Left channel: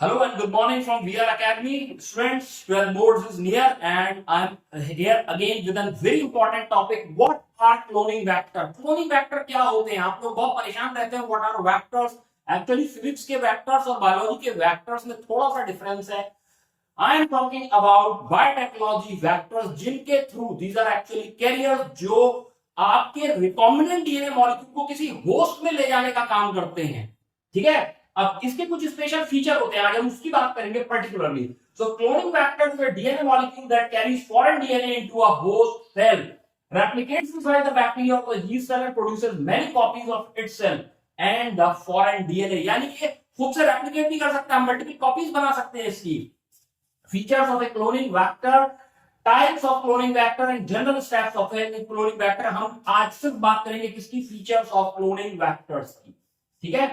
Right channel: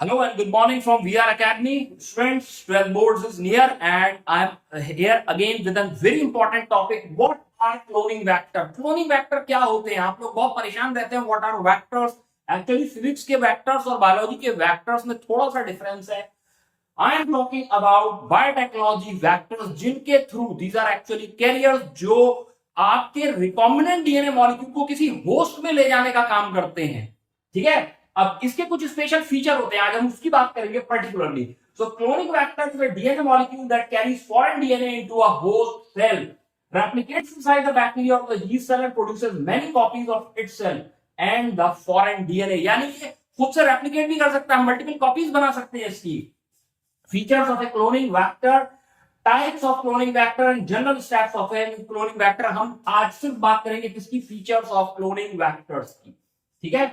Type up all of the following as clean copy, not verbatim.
Hello and good morning from VR Academy. Students, 12 boards is near and I am here again with a very important topic. What are cloning vector? Cloning vector क्या होते हैं? आप लोग बहुत परेशान रहते हैं. What are vectors? Actually physics के vectors और biology के vectors में थोड़ा सा difference है. I am talking about biotechnology vectors जिनके through these are actually carriers जो आपके recombinant DNA molecule को किसी host में ले जाने का काम करते हैं. ठीक है. अब इसके कुछ स्पेशल फीचर होते हैं, आज हम उसकी बात करेंगे particularly. So cloning vector is a DNA molecule that carries foreign DNA into a host cell, replicates inside the bacteria of the yeast cell and produces many copies of itself and the foreign DNA. यानी कि खुद से replicate भी कर सकता है, multiple copies बना सकते हैं इसकी. Features of A cloning vector, types of cloning vector and general steps of A cloning vector. हम आज सिर्फ बात करेंगे किसकी? फीचर्स ऑफ क्लोनिंग वेक्टर्स की. ठीक है.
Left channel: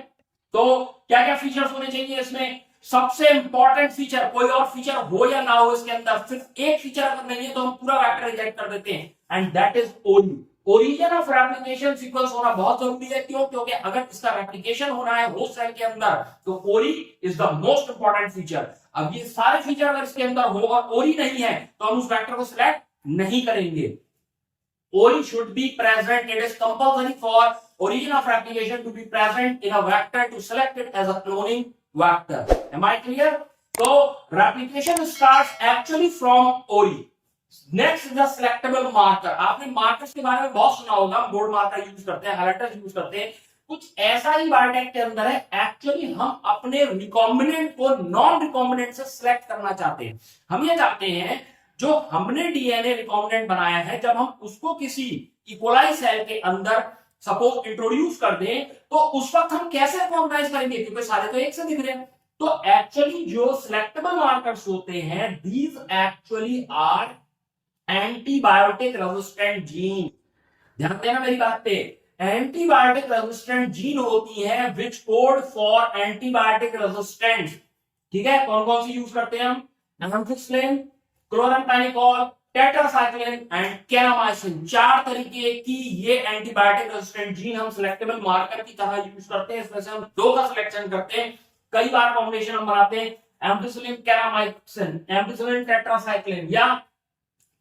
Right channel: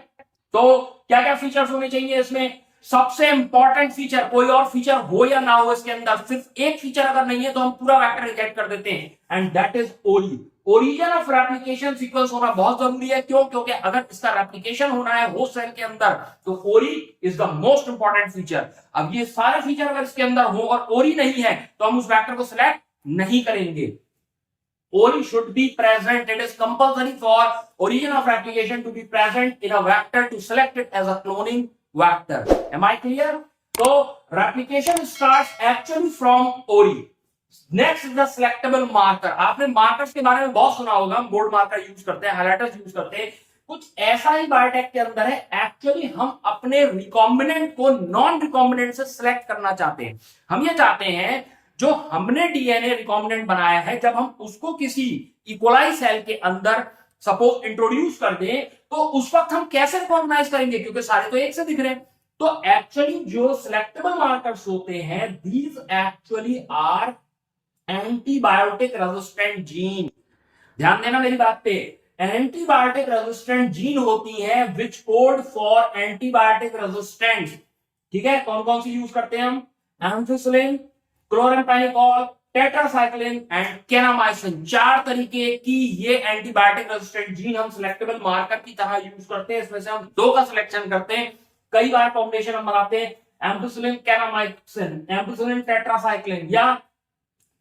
तो क्या क्या फीचर्स होने चाहिए इसमें? सबसे इंपॉर्टेंट फीचर, कोई और फीचर हो या ना हो इसके अंदर, सिर्फ एक फीचर अगर नहीं है तो हम पूरा वेक्टर रिजेक्ट कर देते हैं, एंड दैट इज ओरी. ओरिजिन ऑफ रेप्लिकेशन सीक्वेंस होना बहुत जरूरी है. क्यों? क्योंकि अगर इसका रेप्लिकेशन होना है होस्ट सेल के अंदर तो ओरी is the most important feature. अब ये सारे फीचर अगर इसके अंदर हो और ओरी नहीं है तो हम उस वेक्टर को सिलेक्ट नहीं करेंगे. Ori should be present. It is compulsory for origin of replication to be present in a vector to select it as a cloning vector. Am I clear? So replication starts actually from Ori. Next is the selectable marker. आपने markers के बारे में बहुत सुना होगा. Board marker use करते हैं, highlighters use करते हैं. कुछ ऐसा ही बायोटेक के अंदर है. एक्चुअली हम अपने रिकॉम्बिनेंट को नॉन रिकॉम्बिनेंट से सिलेक्ट करना चाहते हैं. हम ये चाहते हैं जो हमने डीएनए रिकॉम्बिनेंट बनाया है, जब हम उसको किसी इकोलाई सेल के अंदर सपोज इंट्रोड्यूस कर दें तो उस वक्त हम कैसे रिकॉग्नाइज करेंगे, क्योंकि सारे तो एक से दिख रहे हैं. तो एक्चुअली जो सिलेक्टेबल मार्कर्स होते हैं, these actually are antibiotic resistant gene. ध्यान देना मेरी बात पे. एंटीबायोटिक रेजिस्टेंट जीन होती है विच कोड फॉर एंटीबायोटिक रेजिस्टेंट. ठीक है. कौन कौन सी यूज करते हैं हम? Ampicillin, chloramphenicol, tetracycline and kanamycin. चार तरीके की ये एंटीबायोटिक रेजिस्टेंट जीन हम सिलेक्टेबल मार्कर की तरह यूज करते हैं. इसमें से हम दो का सिलेक्शन करते हैं. कई बार कॉम्बिनेशन हम बनाते हैं, एम्फिसिलिन केनामाइसिन, एम्फिसिलिन टेट्रासाइक्लिन, या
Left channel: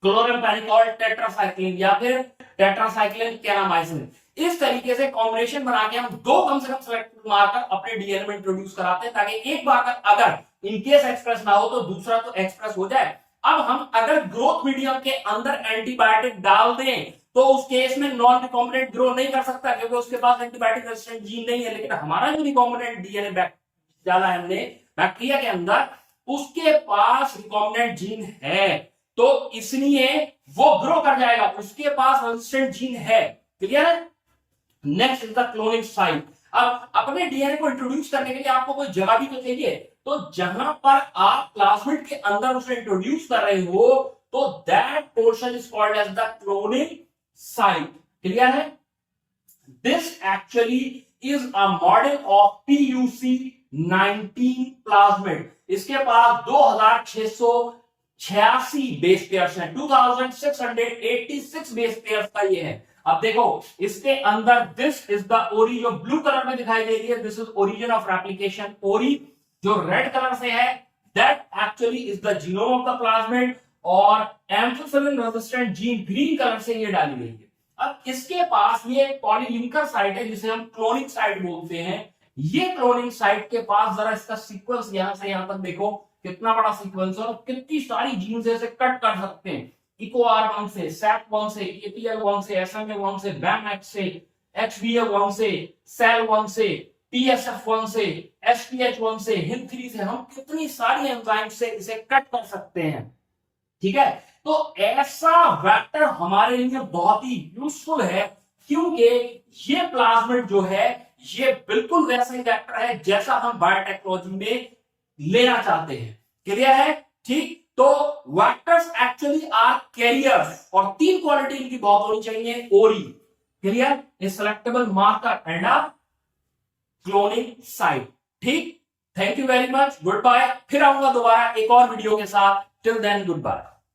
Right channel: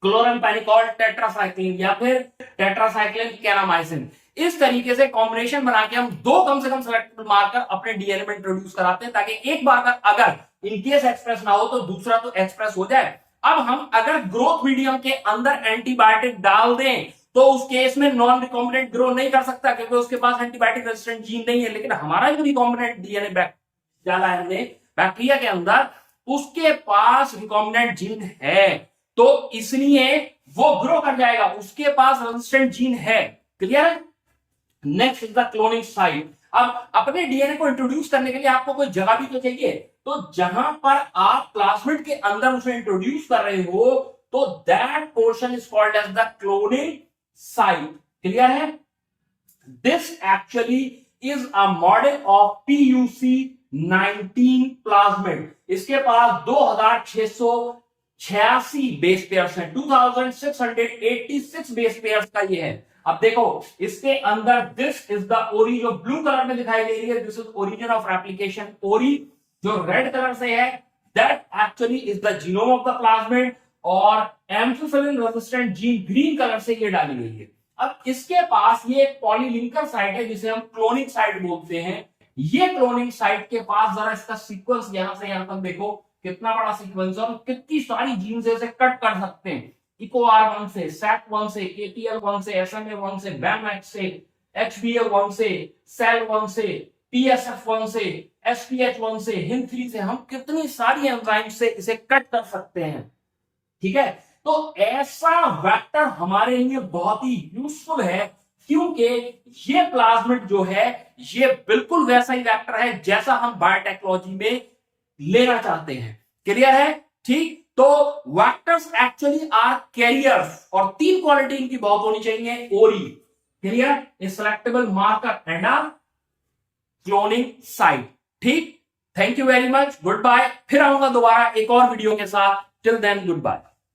क्लोराम्फेनिकोल टेट्रासाइक्लिन, या फिर टेट्रासाइक्लिन केनामाइसिन. इस तरीके से कॉम्बिनेशन बना के हम दो कम से कम सिलेक्टेबल मार्कर अपने डीएनए में इंट्रोड्यूस कराते हैं, ताकि एक बार अगर इनकेस एक्सप्रेस ना हो तो दूसरा तो एक्सप्रेस हो जाए. अब हम अगर ग्रोथ मीडियम के अंदर एंटीबायोटिक डाल दें तो उस केस में नॉन रिकॉम्बिनेंट ग्रो नहीं कर सकता, क्योंकि उसके पास एंटीबायोटिक रेजिस्टेंट जीन नहीं है. लेकिन हमारा जो रिकॉम्बिनेंट डीएनए डाला है हमने बैक्टीरिया के अंदर, उसके पास रिकॉम्बिनेंट जीन है, तो इसलिए वो ग्रो कर जाएगा. उसके पास रेजिस्टेंट जीन है. क्लियर है? Next is the cloning site. अब अपने डीएनए को इंट्रोड्यूस करने के लिए आपको कोई जगह भी तो चाहिए. तो जहां पर आप प्लाज्मिड के अंदर उसे इंट्रोड्यूस कर रहे हो तो that portion is called as the cloning site. Clear है? This actually is a model of PUC 19 plasmid. इसके पास 2686 बेस पेयर्स हैं. 2686 बेस पेयर्स का ये है. अब देखो इसके अंदर दिस इज द ओरी, जो ब्लू कलर में दिखाई दे रही है, this is origin of replication. Ori जो रेड कलर से है, that actually is the genome of the plasmid, और ampicillin resistant gene green colour से ये डाली गई है. अब इसके पास ये एक पॉलीलिंकर साइट है जिसे हम क्लोनिंग साइट बोलते हैं. ये क्लोनिंग साइट के पास जरा इसका सीक्वेंस यहां से यहां तक देखो, कितना बड़ा सीक्वेंस है और कितनी सारी जीन से इसे कट कर सकते हैं. EcoR1 से, SAC1 से, APL1 से, SMA1 से, BAMX से, HBA1 से, SEL1 से, PSF1 से, SPH1 से, HIN3 से, हम कितनी सारी एंजाइम से इसे कट कर सकते हैं. ठीक है. तो ऐसा वेक्टर हमारे लिए बहुत ही यूजफुल है, क्योंकि ये प्लाज्मिड जो है ये बिल्कुल वैसा ही वेक्टर है जैसा हम बायोटेक्नोलॉजी में लेना चाहते हैं. क्लियर है? ठीक. तो वेक्टर्स एक्चुअली आर कैरियर्स, और तीन क्वालिटी इनकी बहुत होनी चाहिए. Ori, clear, a selectable marker and a cloning site. ठीक. Thank you very much. Good bye. फिर आऊंगा दोबारा एक और वीडियो के साथ. Till then good bye.